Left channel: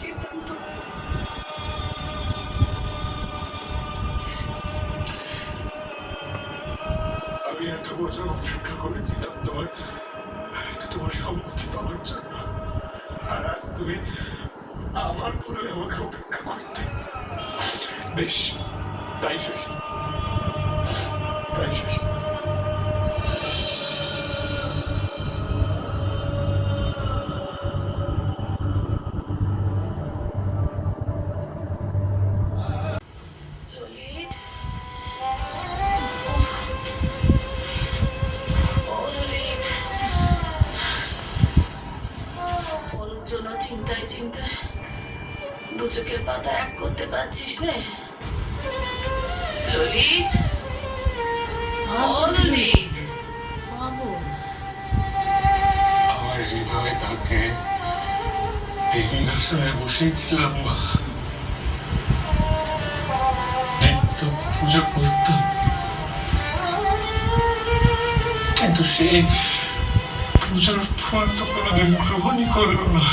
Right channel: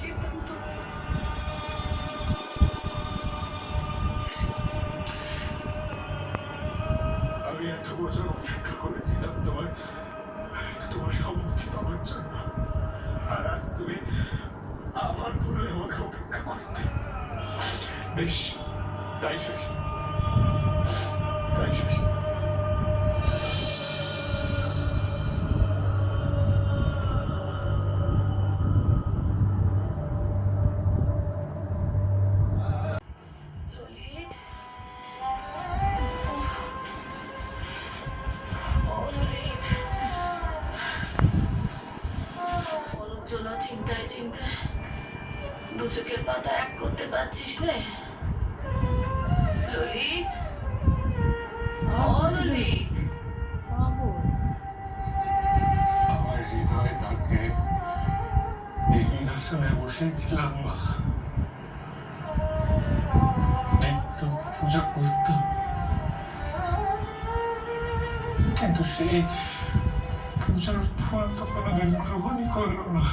সিদ্ধান্ত। আমি এত বছর অপেক্ষা করেছিলাম তোমার সম্মতি পাওয়ার জন্য, আর আজ তুমি আমার বললে আমাকে অপেক্ষা করতে। বেশ, তাই শেষ, তাই শেষ। চিন্তায় চিন্তায় দু চোখের পাতা এক করতে পারছিস না ললিত। ললিত, আমার হৃদয়ে তাকে দেবীর আসনে বসেছিলাম মা, নিত্য পুজো করতাম, কিন্তু সেই পুজোর ফল তো কোনোদিন গ্রহণই করল না।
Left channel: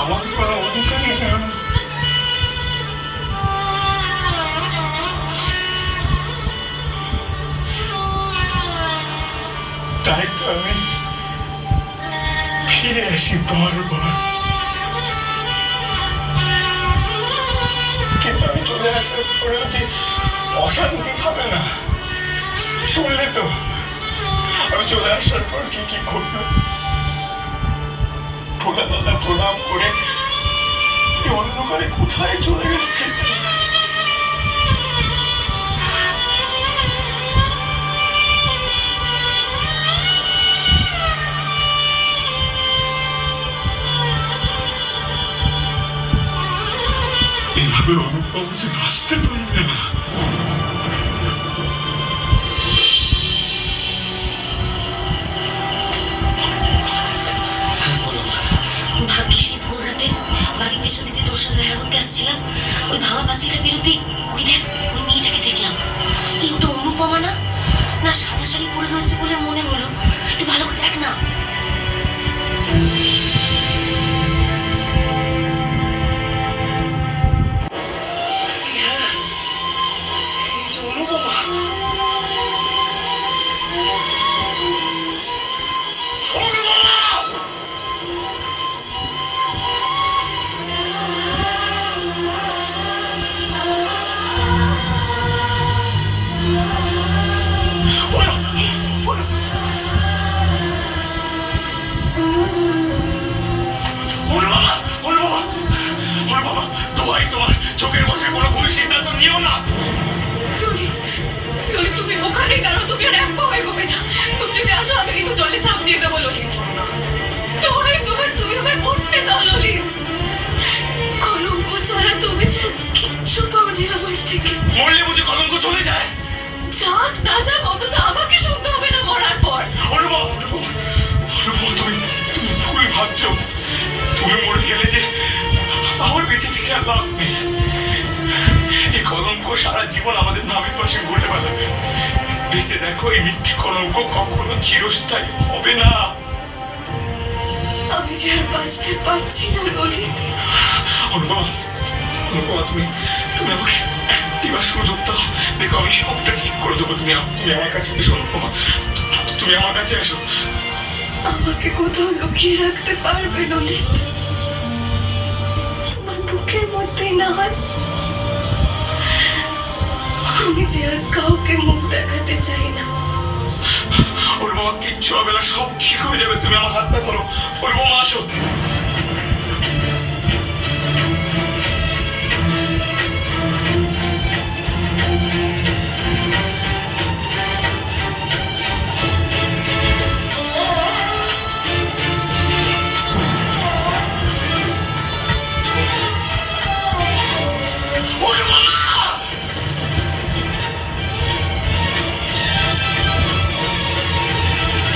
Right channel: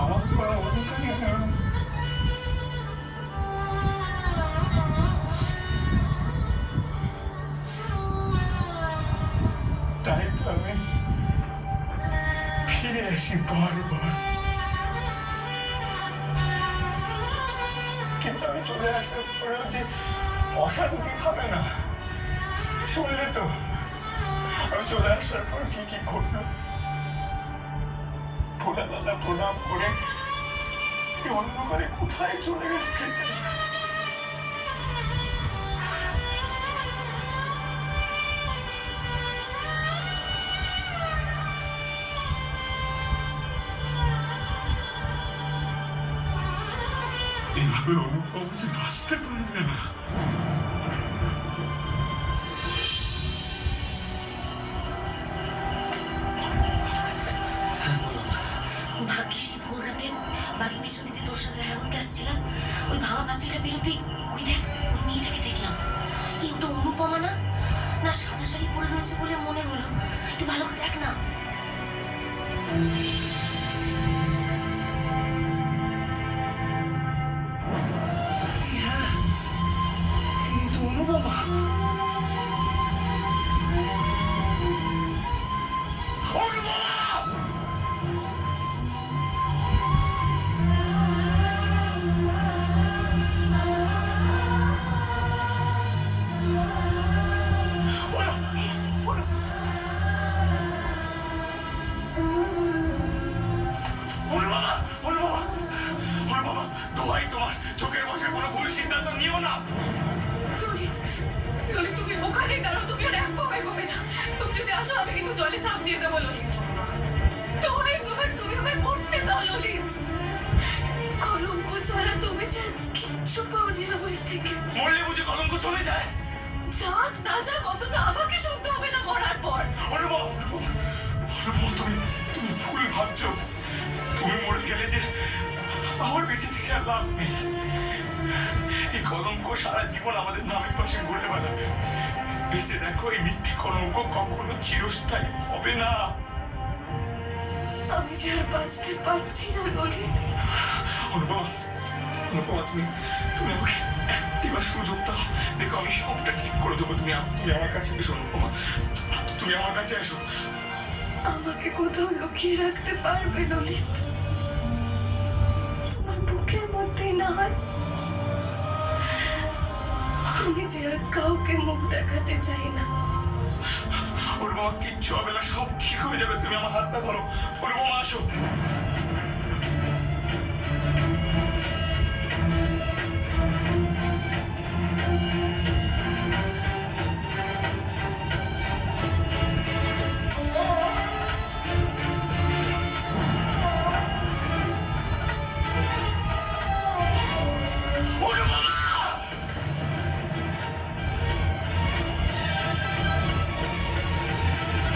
আমার কোনো অধিকারই ছিল না। তাই তো আমি ফিরে আসি বারবার, কিন্তু আমি চলে আসার পরেও যে অশান্তি থাকে না, শুনলে তো আমি চলে আসার পর কি কি ঘটলো। ভোলা দাদা প্রণাম করে অন্ধকারে কোথায় চলে গেল। এইভাবে অনুভব যে বাঁচতে পারবে না। ভাগ্যিস এই ভোর রাতে বাড়ির পেছনে দিয়ে তোর সাথে দেখা করতে আসছিলাম, ওই ভাঙা পাঁচিলটার বিরুদ্ধে ওই দেখ ওই মেয়েটাকে দেখলাম। এই ওটা অনুপমা না? না সাদা শাড়ি পরে রয়েছে বলে মনে হলো, একটু ভালো করে দেখ না। অনুপমা, চোখের বসে কোনো ভুল সিদ্ধান্ত নিও না। ললিত, তুমি ওখানেই দাঁড়ো, তুমি আর এক পাও এগোবে না। তুমি যদি আসো আমি কিন্তু জলে ঝাঁপ দিয়ে দেবো ললিত। তুমি আমায় মরতে দাও ললিত। কলঙ্ক ছাড়া তুমি কিচ্ছু পাওনি আমার থেকে। মরলে বুঝি কলঙ্ক চলে যায়? যাক না যাক অন্তত আমাকে শুনতে হবে না মরার পর। অনুভব, তুমি ভুল ভাবছো। তুমি মরে গেলে যে আমার বেঁচে থেকে আর লাভ নেই। এই কলঙ্ক সারা জীবন আমাদের নামের পাশে ঘুরে বেড়াবে। বেঁচে দেখো, এই মিথ্যে কলঙ্ক কখনো চিরস্থায়ী হবে না। আমি যে আর বাঁচতে পারছি না ললিত। অনুপমা, তুমি আমাকে একটিবার সুযোগ দাও, দেখো আমি সবটা ঠিক করে দেবো। তুমি আমার কাছে এসো অনুপমা, তুমি আমার কাছে এসো। আমাকে কোথাও লুকিয়ে রাখতে পারবে ললিত? তোমার বুকের মধ্যেই না হয়? আমি যে আর কাউকে মুখ দেখাতে চাই না। অনুপমা, কিচ্ছু হবে না, সব ঠিক হয়ে যাবে। তুমি আমার হাতটা ধরো। অনুপমা আসো।